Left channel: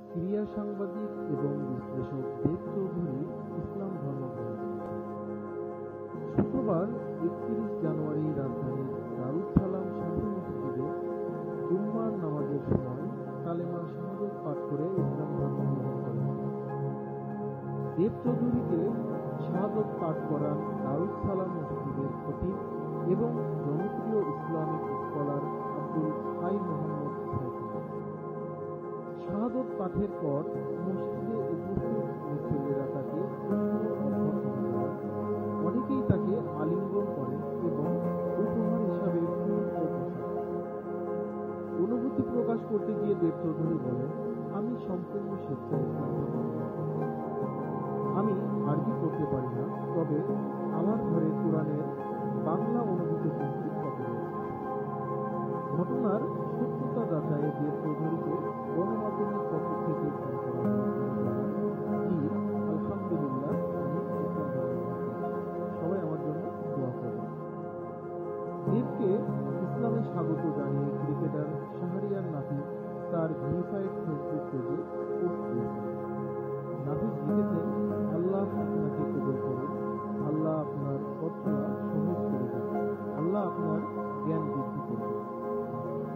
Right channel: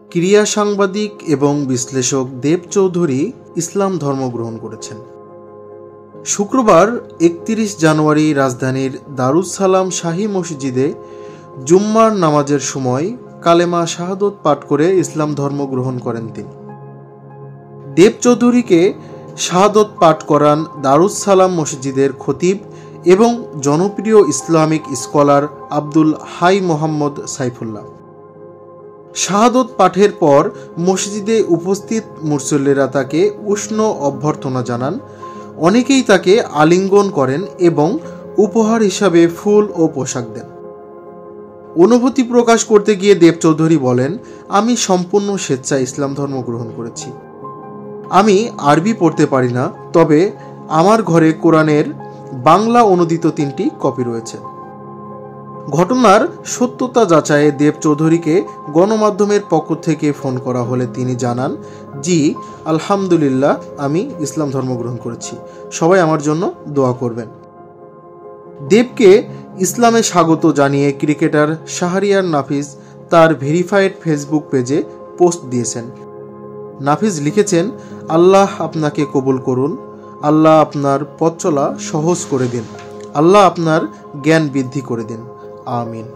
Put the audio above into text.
ক্রীড়া সাংবাদিক এবং বিশ্লেষক দেব চৌধুরী ইসলাম ধর্ম গ্রহণ করেছেন। শুক্রবার ৩১ জানুয়ারি রাজধানীর দারুস সালাম শাহী মসজিদে জুম্মার নামাজের সময় কালেমা শাহাদত পাঠ করে ইসলাম ধর্ম গ্রহণ করেন তিনি। দেব চৌধুরীকে শাহাদত পাঠ করান দারুস সালাম মসজিদের খতিব এবং জনপ্রিয় ইসলামিক স্কলার আব্দুল হাই মোহাম্মদ সাইফুল্লাহ। শাহাদত পাঠের পর মসজিদে উপস্থিত মুসল্লিরা তাকে উষ্ণ অভ্যর্থনা জানান। অনেকেই তাকে আলিঙ্গন করেন এবং উপহার হিসাবে ফুল ও পোশাক দেন। অনুভূতি প্রকাশ করতে গিয়ে দেব চৌধুরী বলেন, আমি সম্পূর্ণ স্বেচ্ছায় ইসলাম ধর্ম গ্রহণ করেছি। আমি আরবি পড়তে পারি না, তবে আমার ঘরে কোরআনের বাংলা অনুদিত 3টি কপি রয়েছে। ঘটনার সত্যতা যাচাইয়ে দেব চৌধুরীকে গণমাধ্যমের পক্ষ থেকে ফোন করা হলে তিনি জানান, জি আলহামদুলিল্লাহ, আমি ইসলাম ধর্ম গ্রহণ করেছি, সবাই আমার জন্য দোয়া করবেন। দেবকে ইসলামে স্বাগত জানিয়ে ক্রিকেটার শাহরিয়ার নাফিস তার ভেরিফাইড ফেসবুক পেজে পোস্ট দিয়েছেন। নাফিস লিখেছেন, আল্লাহ আপনাকে কবুল করুন, আল্লাহ আপনার পথ চলা সহজ করে দিন, আল্লাহ আপনার জ্ঞান বৃদ্ধি করে দিন, আমিন।